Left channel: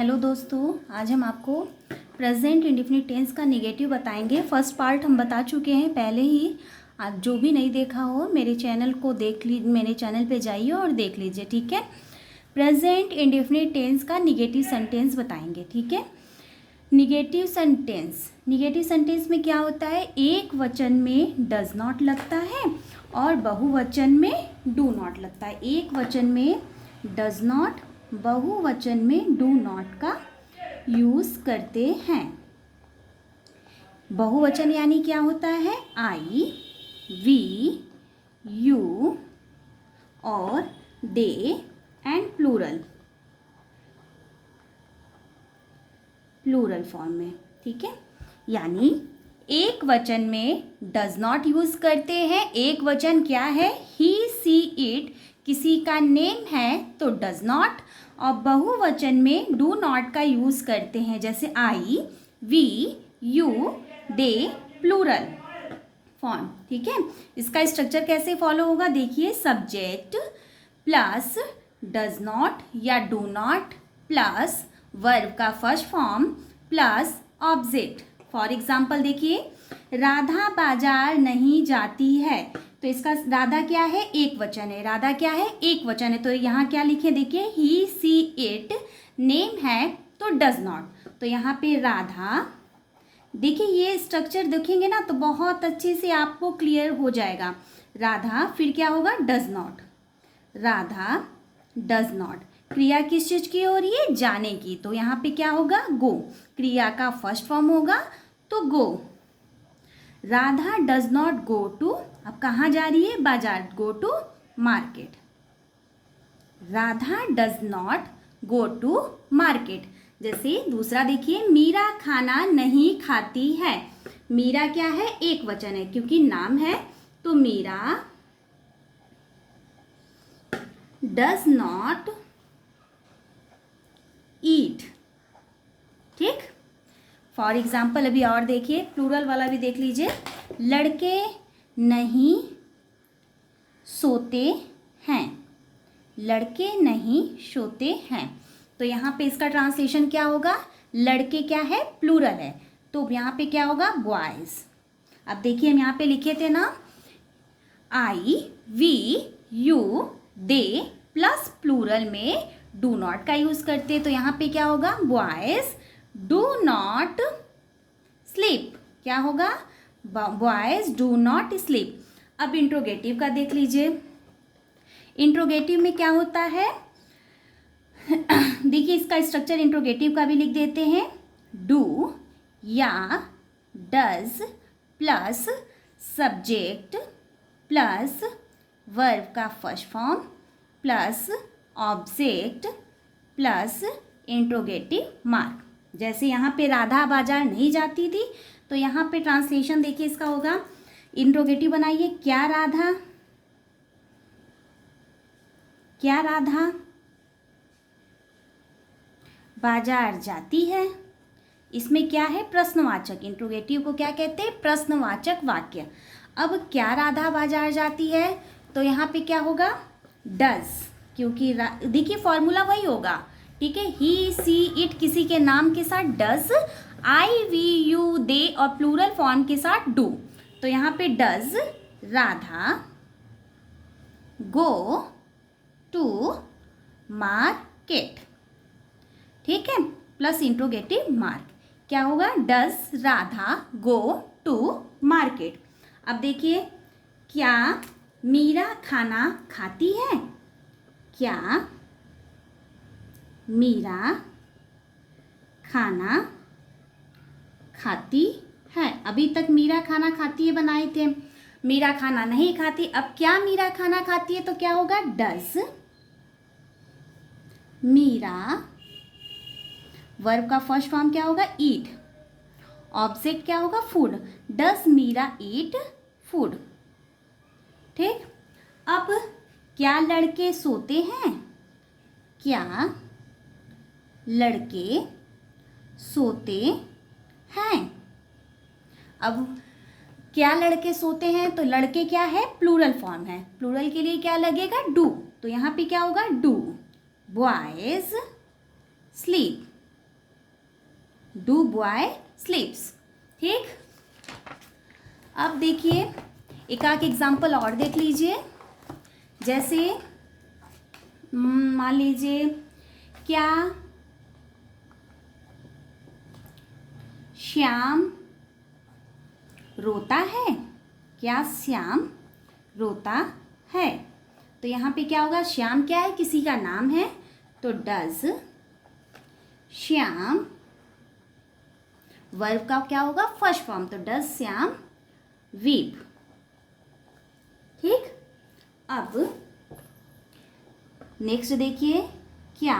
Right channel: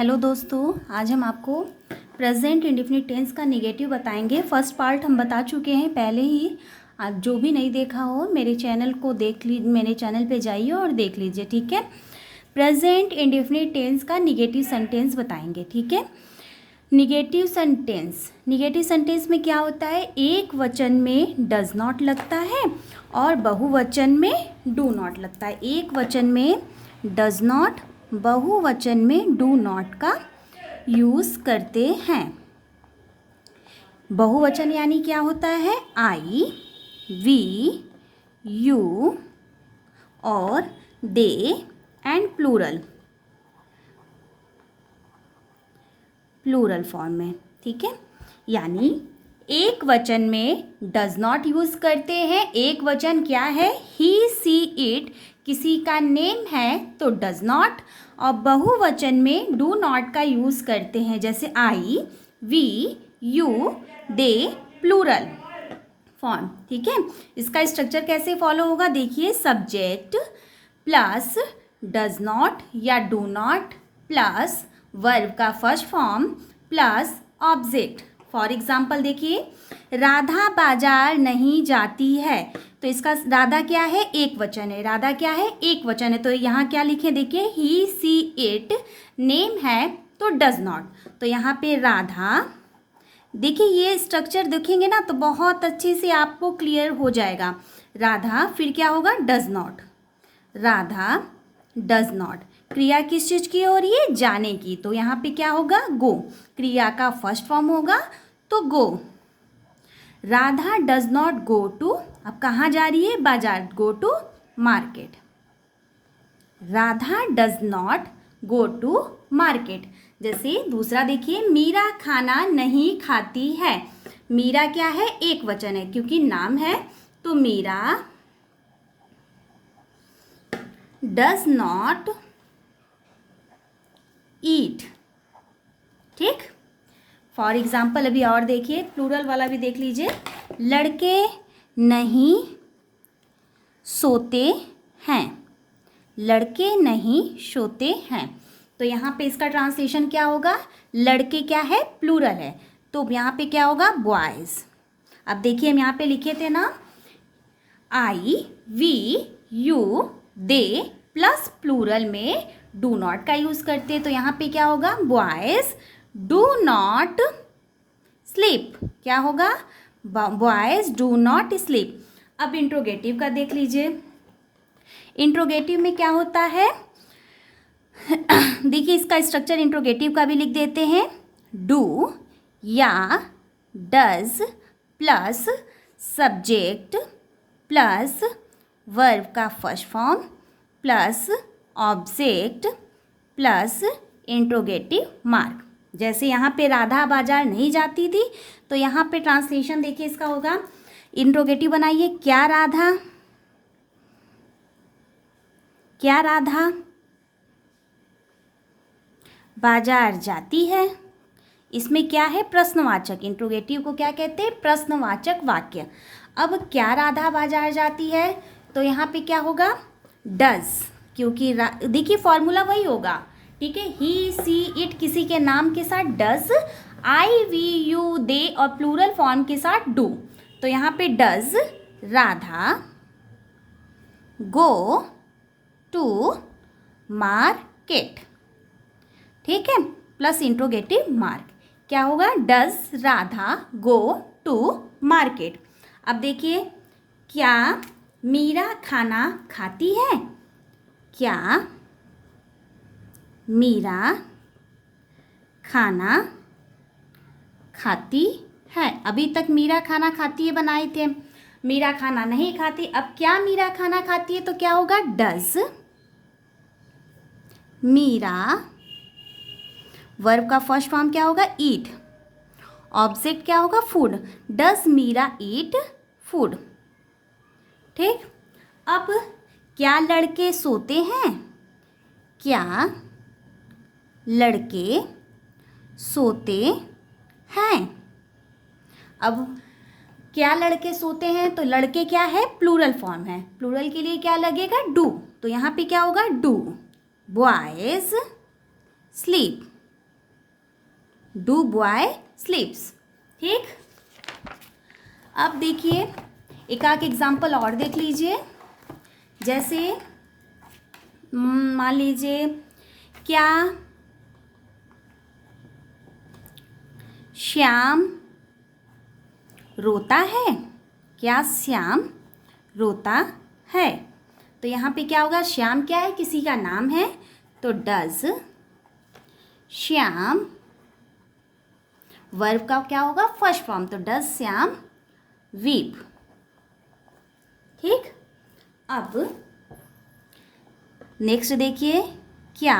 Hello दोस्तों, आज हम आपको प्रेजेंट इंडेफिनिट टेंस का नेगेटिव बताएंगे। फर्स्ट पार्ट हम बता चुके हैं पहले ही। आज जो भी नहीं देखा हो मेरे चैनल को मेरे चैनल पे जाइए और देख लीजिए, ठीक है। प्रेजेंट इंडेफिनिट टेंस का नेगेटिव सेंटेंस बताएंगे, ठीक है। नेगेटिव सेंटेंस में क्या होता है, एक वचन में डज नॉट लगता है और बहुवचन में डू नॉट लगता है। एक वचन में डज नॉट, बहुवचन में डू नॉट का यूज़ करते हैं। बहुवचन यानी क्या होता है, आई, वी, यू और दे एंड प्लूरल फॉर्म में, ठीक है। यानी एक वचन में डज नॉट यूज़ करते हैं। एक वचन क्या है, ही, सी, इट, किसी का नेम है तो डज नॉट, और बहुवचन में डू नॉट का यूज़ करते हैं, जैसे I, we, you, they, plural form, ठीक है। इसका स्ट्रक्चर कैसे फॉलो होगा, देखिए, सब्जेक्ट प्लस डज नॉट या डू नॉट प्लस वर्ब का first form plus object. For example देखिए, राधा बाजार नहीं जाती है, तो इसका राधा क्या है, एक वचन है। राधा क्या है, एक वचन है, तो यहाँ क्या लिखे, देखिए, ही, सी, इट, नेम है तो डज नॉट, तो यहाँ पे राधा। देखिए ये स्ट्रक्चर देखेंगे ना तो बहुत अच्छे से आपको क्लियर हो जाएगा। राधा, फिर क्या होगा, does not, Radha does not. क्रिया किस चीज़ की हो रही है, जाने की, तो यहाँ पे क्या होगा, गो। क्रिया का फर्स्ट फॉर्म होगा तो go. Radha does not go to, अब कहाँ जा रही है, बाजार, go to market. Radha does not go to market. जैसे दूसरा देखिए, मीरा खाना नहीं खाती है। मीरा क्या है, एक वचन है, क्योंकि नाम है तो मीरा डज नॉट ईट, ठीक। फॉर एग्जाम्पल अभी और देखिए, प्लूरल वाला भी देख लीजिए, लड़के नहीं सोते हैं। लड़के नहीं सोते हैं, तो यहाँ पे इसका ट्रांसलेशन क्या होगा, लड़के क्या है, प्लूरल है, तो यहाँ पे क्या होगा, बॉयज। अब देखिए हम यहाँ पे लिखे थे ना, I, we, you, they plus plural में डू नॉट का यूज़ करते, तो यहाँ पे क्या होगा, बॉयज डू नॉट स्लीप। क्या होगा, बॉयज डू नॉट स्लीप। अब इंट्रोगेटिव का देख लीजिए। इंट्रोगेटिव में क्या होता है, देखिए इसका स्ट्रक्चर इंट्रोगेटिव का भी लिख देते हैं, डू या does plus subject plus verb का first form plus object plus interrogative mark. जैसे यहाँ पे राधा बाजार नहीं जाती थी, तो यहाँ पे ट्रांसलेशन देखिए इसका होगा, इंट्रोगेटिव बनाइए, क्या राधा बाजार जाती है। इसमें क्या है, प्रश्नवाचक। इंट्रोगेटिव को क्या कहते हैं, प्रश्नवाचक वाक्य। अब क्या राधा बाजार जाती है, तो यहाँ पे क्या होगा, डज, क्योंकि देखिए फॉर्मूला वही होगा, ठीक है। ही, सी, इट, किसी के नाम के साथ does, I, we, you, they और प्लूरल फॉर्म के साथ डू, तो यहाँ पे does Radha go to market, ठीक है, प्लस इंट्रोगेटिव मार्क, क्या होगा, does Radha go to market. अब देखिए, क्या मीरा खाना खाती है। क्या मीरा खाना खाती है। अभी तक मीरा खाना खाती है बनाए थे, मीरा खाना नहीं खाती। अब क्या मीरा खाना खाती है, तो क्या होगा, डज मीरा, वर्ब का फर्स्ट फॉर्म क्या होगा, ईट, ऑब्जेक्ट क्या होगा, food, does Meera eat food, ठीक। अब क्या लड़के सोते हैं। क्या लड़के सोते हैं। अब क्या लड़के सोते हैं, तो लड़के क्या है, प्लूरल फॉर्म है, प्लूरल के लिए क्या लगेगा, डू, तो यहाँ पे क्या होगा, do boys sleep, do boy स्लीप्स। ठीक, अब देखिए एक आध एग्जाम्पल और देख लीजिए। जैसे मान लीजिए, क्या श्याम रोता है? क्या श्याम रोता है? तो यहाँ पे क्या होगा, श्याम क्या है, किसी का नाम है, तो डज श्याम, वर्ब का क्या होगा, फर्स्ट फॉर्म, तो डज श्याम वीप। ठीक, अब नेक्स्ट देखिए, क्या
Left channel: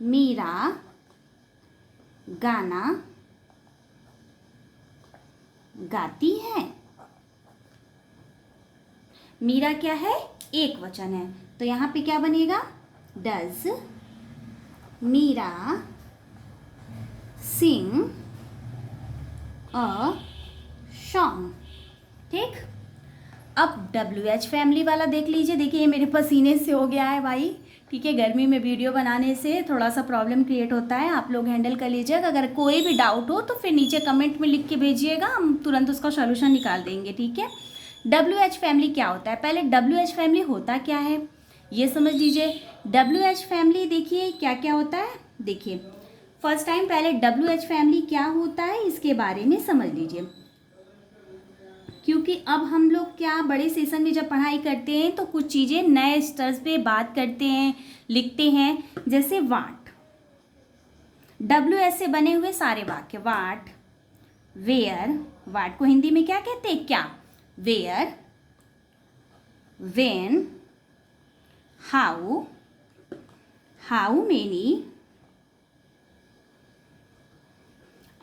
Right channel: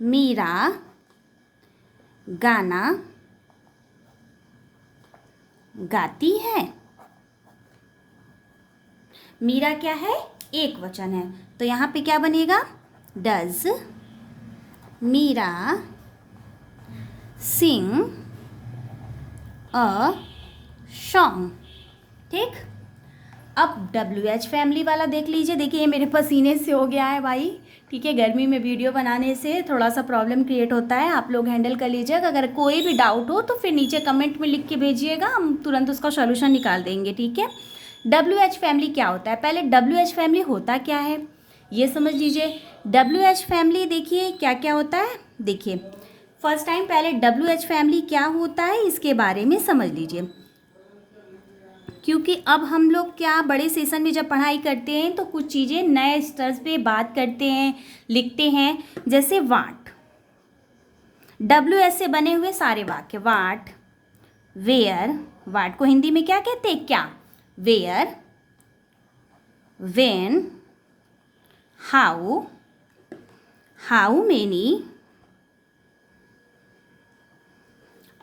मीरा गाना गाती है? मीरा क्या है, एक वचन है, तो यहाँ पे क्या बनेगा, does Meera sing a song. ठीक, अब WH फैमिली वाला देख लीजिए। देखिए ये मेरे पसीने से हो गया है भाई। ठीक है, गर्मी में वीडियो बनाने से थोड़ा सा प्रॉब्लम क्रिएट होता है, आप लोग हैंडल कर लीजिएगा। अगर कोई भी डाउट हो तो फिर नीचे कमेंट में लिख के भेजिएगा, हम तुरंत उसका सॉल्यूशन निकाल देंगे। ठीक है, WH फैमिली क्या होता है, पहले WH फैमिली होता क्या है ये समझ लीजिए। WH फैमिली देखिए क्या क्या होता है, देखिए फर्स्ट टाइम पहले WH फैमिली क्या होता है इसके बारे में समझ लीजिए, क्योंकि अब हम लोग क्या बड़े सेशन में जब पढ़ाई करते हैं तो कुछ चीज़ें नए स्तर पे बात करते हैं, लिखते हैं। जैसे वाट, WH से बने हुए सारे वाक्य, वाट, वेयर, वाट को हिंदी में क्या कहते हैं, क्या, where, when, how, how many,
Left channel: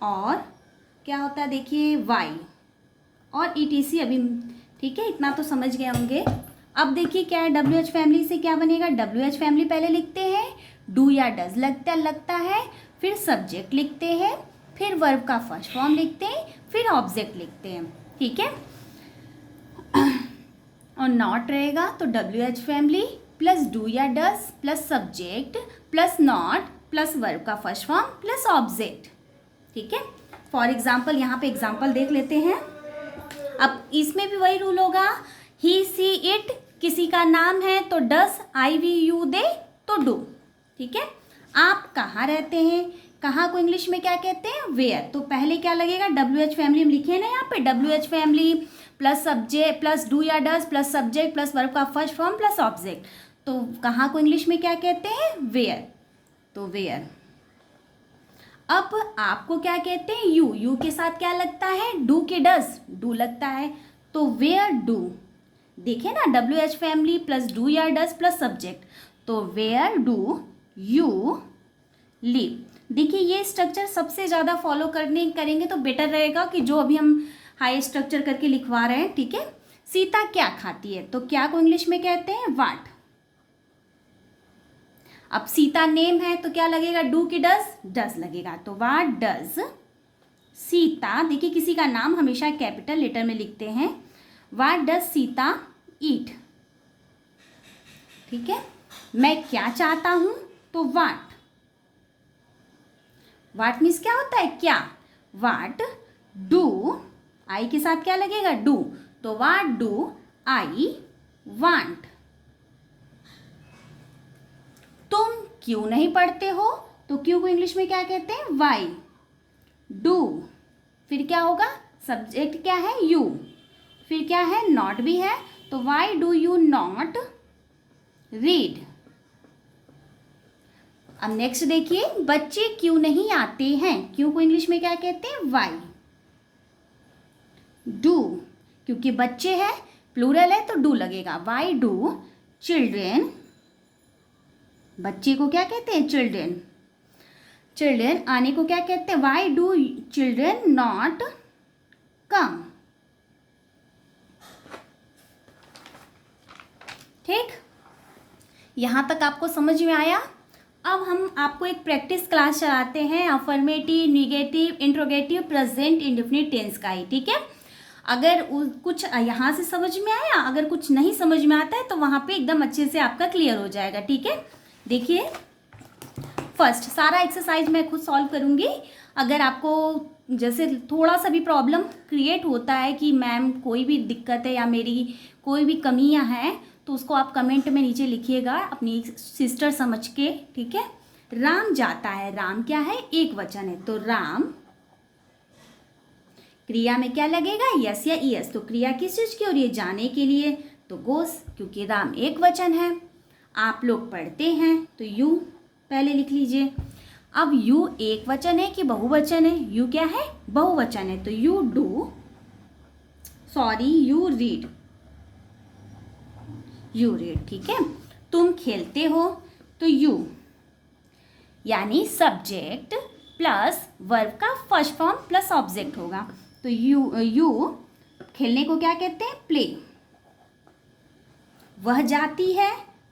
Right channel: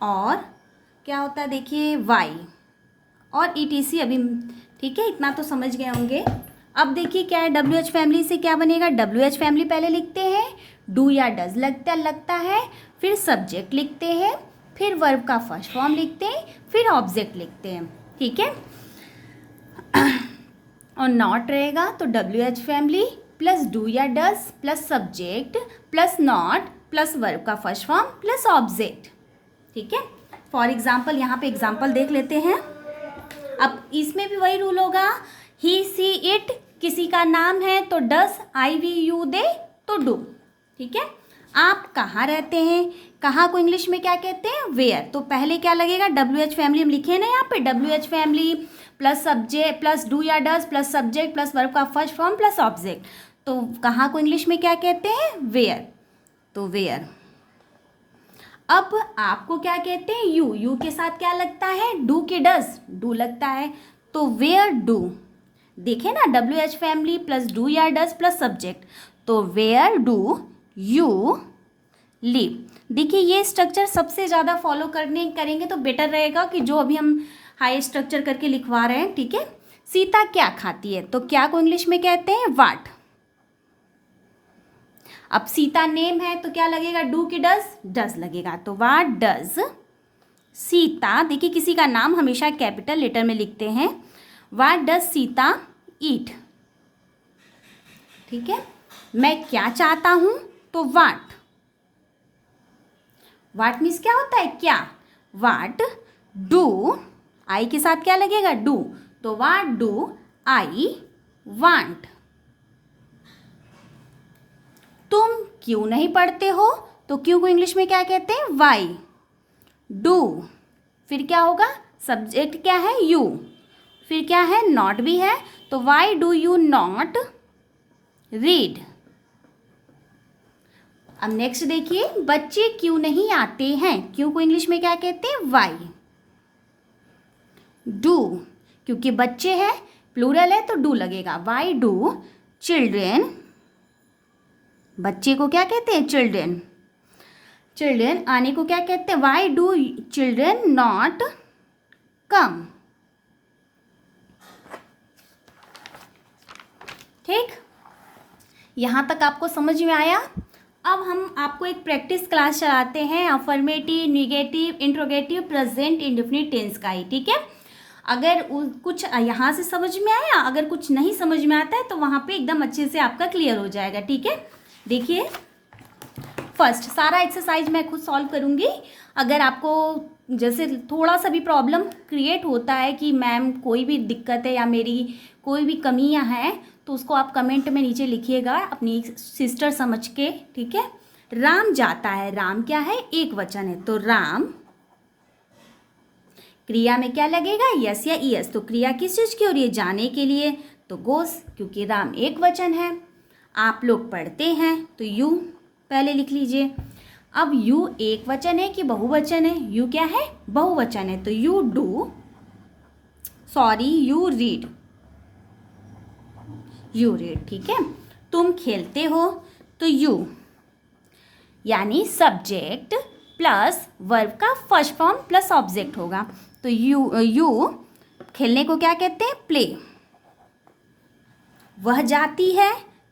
और क्या होता है देखिए वाई, और ETC अभी। ठीक है, इतना तो समझ गए होंगे। अब देखिए क्या है, WH फैमिली से क्या बनेगा, WH फैमिली पहले लिखते हैं, डू या डज लगता है, फिर सब्जेक्ट लिखते हैं, फिर वर्ब का फर्स्ट फॉर्म लिखते हैं, फिर ऑब्जेक्ट लिखते हैं। ठीक है, और नॉट रहेगा तो WH फैमिली प्लस डू या does plus subject plus not plus verb का फर्स्ट फॉर्म प्लस ऑब्जेक्ट। ठीक है, फॉर एग्जाम्पल यहाँ पे एग्जाम्पल देख लेते हैं। अब इसमें भी वही रूल होगा, ही सी इट किसी का नाम है तो डस, आई वी यू दे तो डू। ठीक है, आप कहाँ रहते हैं, कहाँ को इंग्लिश में क्या कहते हैं, वेयर, तो पहले क्या लगेगा, WH फैमिली हम लिखे ना यहाँ पे, WH family plus subject plus do या डस प्लस सब्जेक्ट प्लस वर्ब का फर्स्ट फॉर्म प्लस ऑब्जेक्ट, तो कहाँ को इंग्लिश में क्या कहते हैं, वेयर, तो वेयर। अब आपको क्या कहते हैं, यू के साथ क्या लगता है, डू के डस, डू लगता है, तो वेयर डू। देखे ना, WH फैमिली प्लस डू या डस प्लस सब्जेक्ट, तो वेयर डू यू लिव। देखिए ये स्ट्रक्चर सबसे ज़्यादा फॉलो करेंगे तो बेटर रहेगा कि जो अभी हम हाई स्ट्रक्चर करके लिखवा रहे हैं। ठीक है, सीता क्या खाती है, तो क्या को इंग्लिश में कहते हैं, वाट। अब सीता नेम है तो क्या लगेगा, डू की डज लगेगा, तो वाट डज सीता। देखिए किसी का नाम हमेशा कैपिटल लेटर में लिखते हैं, वाट डज सीता ईट। ठीक है, मैं क्या चाहता हूं, तो वाट, वाट मीन्स क्या होता है, क्या, वाट डू, आई के साथ क्या लगेगा, डू, तो वाट डू आई वांट। तुम क्यों नहीं पढ़ते हो, तो क्यों को इंग्लिश में क्या कहते हैं, वाई। डू, फिर क्या होगा, सब्जेक्ट क्या है, यू, फिर क्या है, नॉट भी है, तो why do you not read. अब नेक्स्ट देखिए, बच्चे क्यों नहीं आते हैं, क्यों को इंग्लिश में क्या कहते हैं, वाई। डू, क्योंकि बच्चे हैं, प्लूरल है तो डू लगेगा, वाई डू चिल्ड्रेन, बच्चे को क्या कहते हैं, चिल्ड्रेन, चिल्ड्रेन आने को क्या कहते हैं, why do children not come. ठीक, यहाँ तक आपको समझ में आया। अब हम आपको एक प्रैक्टिस क्लास चलाते हैं affirmative, negative, interrogative, present indefinite tense का ही। ठीक है, अगर कुछ यहाँ से समझ में आया, अगर कुछ नहीं समझ में आता है तो वहाँ पे एकदम अच्छे से आपका क्लियर हो जाएगा। ठीक है, देखिए फर्स्ट सारा एक्सरसाइज मैं खुद सॉल्व करूँगी। अगर आपको जैसे थोड़ा सा भी प्रॉब्लम क्रिएट होता है कि मैम कोई भी दिक्कत है या मेरी कोई भी कमियां हैं, तो उसको आप कमेंट में नीचे लिखिएगा अपनी सिस्टर समझ के, ठीक है। राम जाता है, राम क्या है, एक वचन है, तो राम क्रिया में क्या लगेगा, यस या ईएस। तो क्रिया किस चीज़ की, और ये जाने के लिए तो गोस, क्योंकि राम एक वचन है। आप लोग पढ़ते हैं तो यू पहले लिख लीजिए। अब यू एक वचन है कि बहुवचन है, यू क्या है, बहुवचन है, तो you do, sorry you read, you read, ठीक है। तुम खेलते हो, तो यू यानी सब्जेक्ट प्लस वर्ब का फर्स्ट फॉर्म प्लस ऑब्जेक्ट होगा, तो यू खेलने को क्या कहते हैं, प्ले। वह जाती है,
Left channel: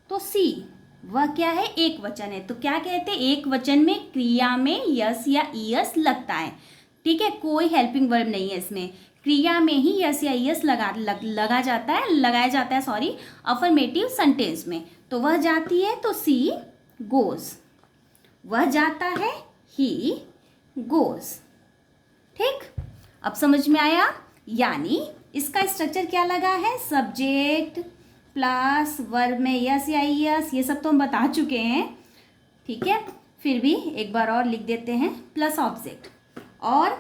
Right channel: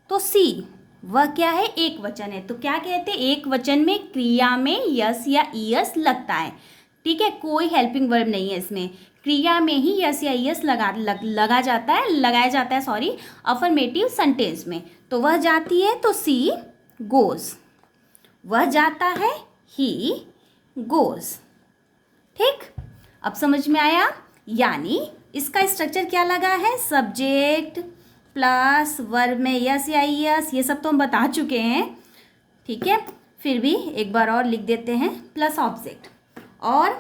तो सी, वह क्या है, एक वचन है, तो क्या कहते हैं, एक वचन में क्रिया में यस या ईएस लगता है, ठीक है। कोई हेल्पिंग वर्ब नहीं है इसमें, क्रिया में ही यस या ईएस लगाया जाता है सॉरी, अफर्मेटिव सेंटेंस में। तो वह जाती है, तो सी गोज, वह जाता है, ही गोज, ठीक। अब समझ में आया, यानी इसका स्ट्रक्चर क्या लगा है, सब्जेक्ट प्लस वर्ब में यस या ईएस, ये सब तो हम बता चुके हैं, ठीक है। फिर भी एक बार और लिख देते हैं, प्लस ऑब्जेक्ट। और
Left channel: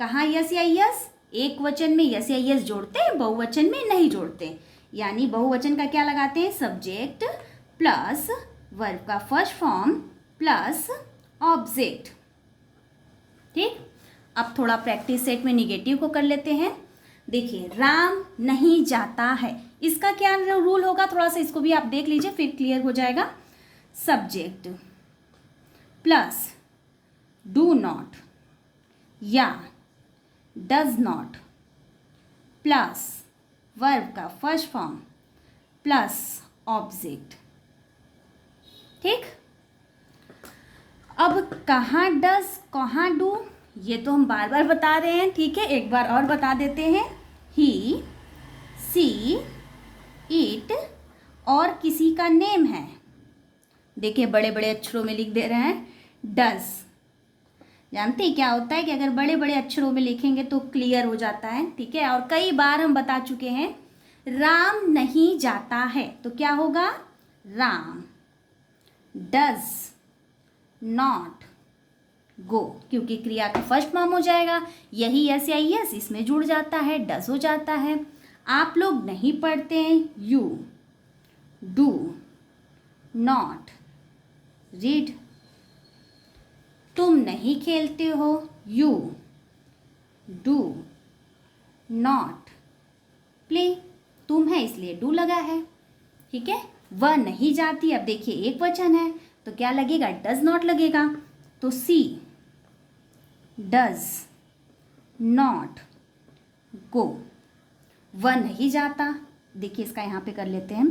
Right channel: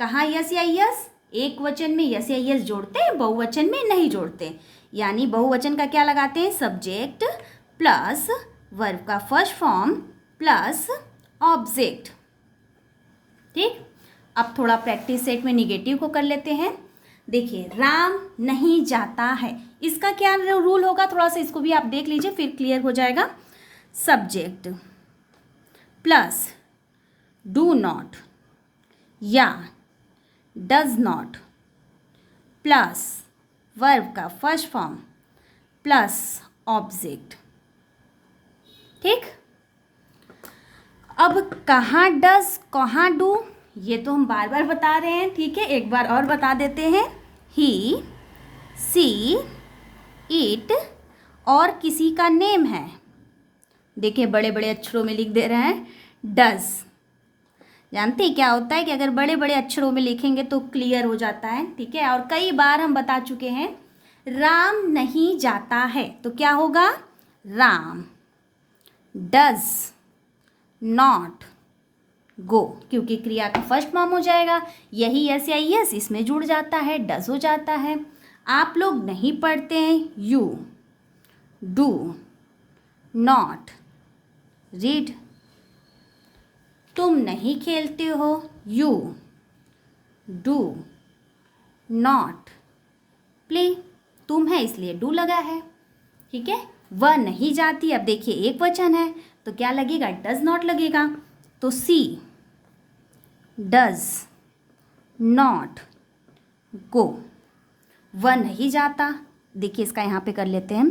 कहाँ यस या ईएस, एक वचन में यस या ईएस जोड़ते हैं, बहुवचन में नहीं जोड़ते। यानी बहुवचन का क्या लगाते हैं, सब्जेक्ट प्लस वर्ब का फर्स्ट फॉर्म प्लस ऑब्जेक्ट, ठीक। अब थोड़ा प्रैक्टिस सेट में निगेटिव को कर लेते हैं। देखिए, राम नहीं जाता है, इसका क्या रूल होगा, थोड़ा सा इसको भी आप देख लीजिए, फिर क्लियर हो जाएगा। सब्जेक्ट प्लस डू नॉट या डज नॉट प्लस वर्ब का फर्स्ट फॉर्म प्लस ऑब्जेक्ट, ठीक। अब कहाँ डज कहाँ डू, ये तो हम बार बार बता रहे हैं, ठीक है। एक बार और बता देते हैं, ही सी इट, और किसी का नेम है, देखिए बड़े बड़े अक्षरों में लिख दे रहे हैं, डज। जानते हैं क्या होता है कि अगर बड़े बड़े अक्षरों में लिखेंगे तो क्लियर हो जाता है, ठीक है। और कई बार हम बता चुके हैं, राम नहीं जाता है तो क्या होगा, राम डज नॉट गो, क्योंकि क्रिया का फर्स्ट फॉर्म हो जाएगा, यही यस या यस इसमें जुड़ जाता है, डज हो जाता है। आप लोग नहीं पढ़ते हैं, यू डू नॉट रीड। तुम नहीं खेलते हो, यू डू नॉट प्ले, तुम है इसलिए डू लगा है, ठीक है। वह नहीं जाती, अब देखिए एक वचन है तो क्या लगेगा, डज नॉट लगेगा, तो सी डज नॉट गो, वह नहीं जाता, देखिए इसका यहाँ पे कर लेते हैं,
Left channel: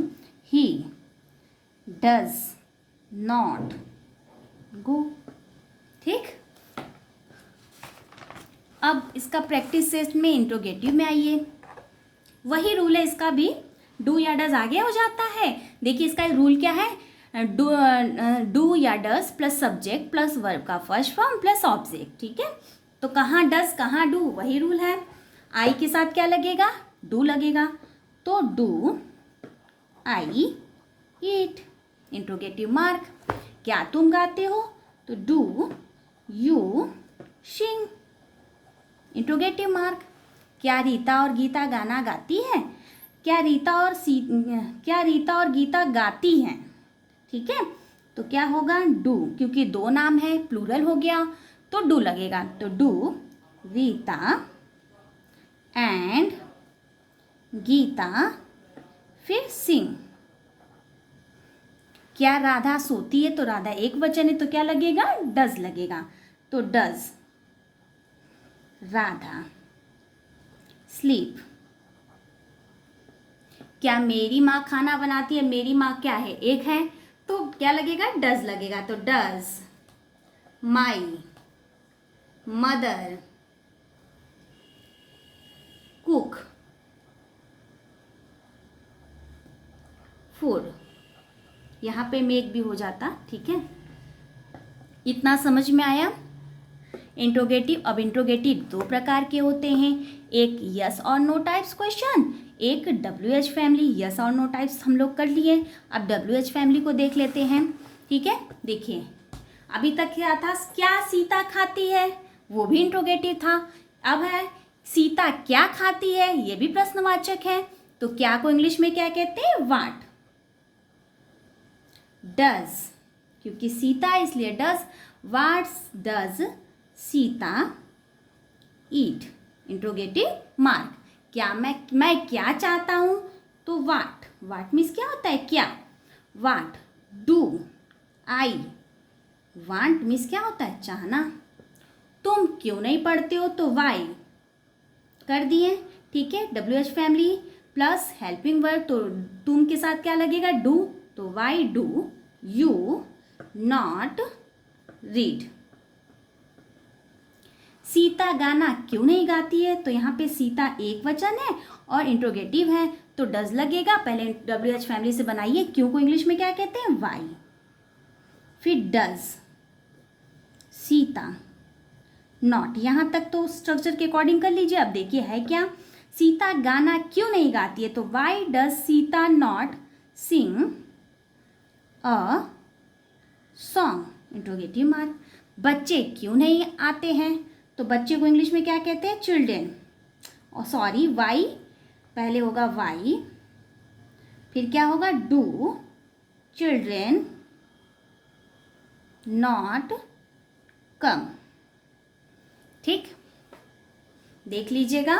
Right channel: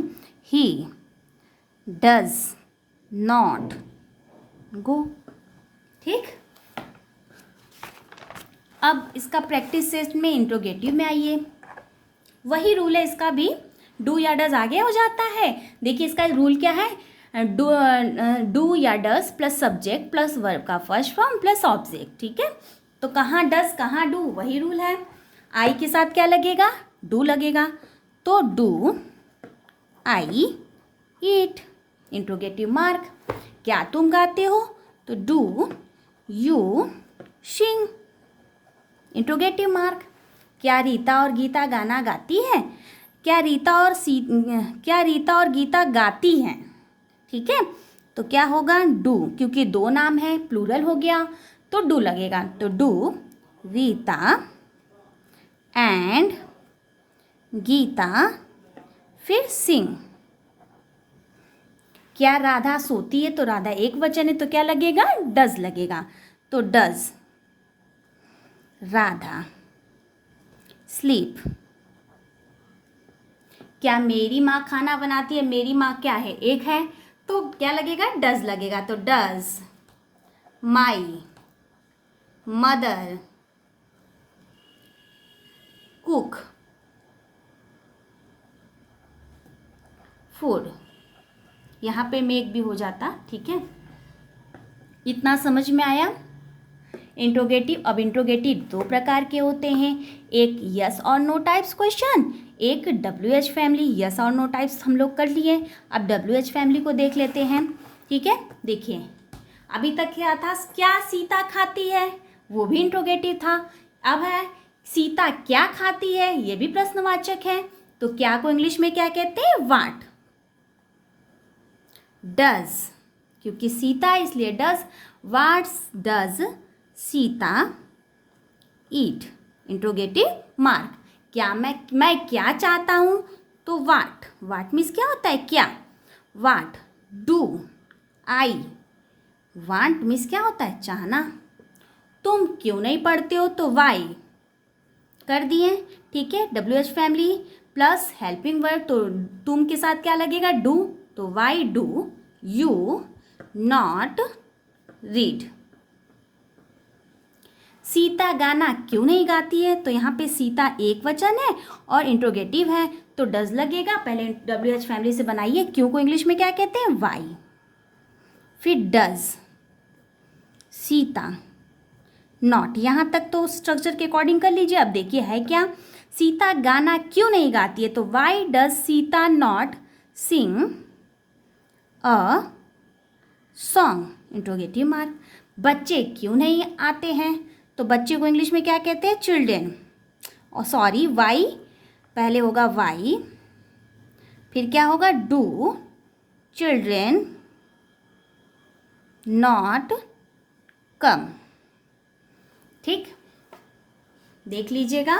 ही डज नॉट गो, ठीक। अब इसका प्रैक्टिस सेट में इंट्रोगेटिव में आइए, वही रूल है इसका भी, डू या डज आगे हो जाता है। देखिए इसका रूल क्या है, डू या does plus subject plus verb का फर्स्ट फॉर्म प्लस ऑब्जेक्ट, ठीक है। तो कहाँ डज कहाँ डू, वही रूल है। आई के साथ क्या लगेगा, डू लगेगा, तो do I eat, interrogative mark. क्या तुम गाते हो, तो do you sing, interrogative mark. क्या रीता और गीता गाना गाती हैं, क्या रीता और गीता गाती हैं, ठीक है। तो क्या होगा, डू, क्योंकि दो नाम है, प्लूरल हो गया तो डू लगेगा, तो डू रीता एंड गीता, फिर सिंग। क्या राधा सोती है, तो राधा एक वचन है तो क्या लगेगा, डज लगेगा, तो डज राधा स्लीप। क्या मेरी माँ खाना बनाती है, मेरी माँ क्या है, एक है तो क्या लगेगा, डज लगेगा, तो does my mother cook food, यहाँ पे मेक भी हो जाता, ठीक है। इतना समझ में आया। इंट्रोगेटिव, अब इंट्रोगेटिव दो प्रकार के होते हैं, एक यस और नो टाइप्स क्वेश्चन, एक WH फैमिली। यस और नो टाइप्स हम लोग कर लिए, अब WH फैमिली को देख लेते हैं। ठीक है, देखिए अभी तक क्या था, क्या सीता खाती है, वो भी इंट्रोगेटिव था। अब है सीता क्या खाती है, ये भी प्रश्नवाचक है। तो क्या को इंग्लिश में क्या कहते हैं, व्हाट। डज, क्योंकि सीता है इसलिए does. What does Sita eat, interrogative mark. क्या मैं क्या चाहता हूँ, तो व्हाट। व्हाट मीन्स क्या होता है, क्या। What do I want means क्या होता है, चाहना। तुम क्यों नहीं पढ़ते हो, तो वाई कर दिए। ठीक है, WH family plus helping word, तो तुम के साथ क्या लगेगा, डू, तो why do you not read. Sita गाना क्यों नहीं गाती है, तो यहाँ पे सीता एक वचन है और इंट्रोगेटिव है, तो डज लगेगा। पहले WH फैमिली से बनाइए, क्यों को इंग्लिश में क्या कहते हैं, वाई। फिर डज सीता नॉट, यहाँ तक तो स्ट्रक्चर के अकॉर्डिंग कर लीजिए। अब देखिए है क्या, सीता गाना क्यों नहीं गाती है, तो why does Sita not sing a song, interrogative mark. बच्चे क्यों नहीं आते हैं, तो बच्चे को इंग्लिश में क्या कहते हैं, चिल्ड्रेन। और सॉरी वाई, पहले होगा वाई, फिर क्या होगा, डू चिल्ड्रेन नॉट कम। ठीक, देख लीजिएगा।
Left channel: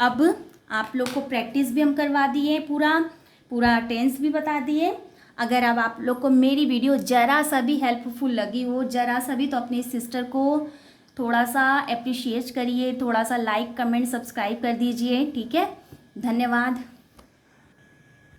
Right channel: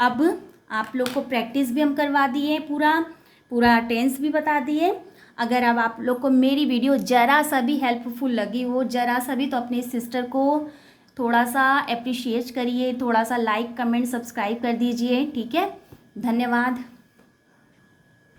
अब आप लोग को प्रैक्टिस भी हम करवा दिए, पूरा टेंस भी बता दिए। अगर अब आप लोग को मेरी वीडियो ज़रा सा भी हेल्पफुल लगी हो, ज़रा सा भी, तो अपने सिस्टर को थोड़ा सा अप्रिशिएट करिए, थोड़ा सा लाइक कमेंट सब्सक्राइब कर दीजिए। ठीक है, धन्यवाद।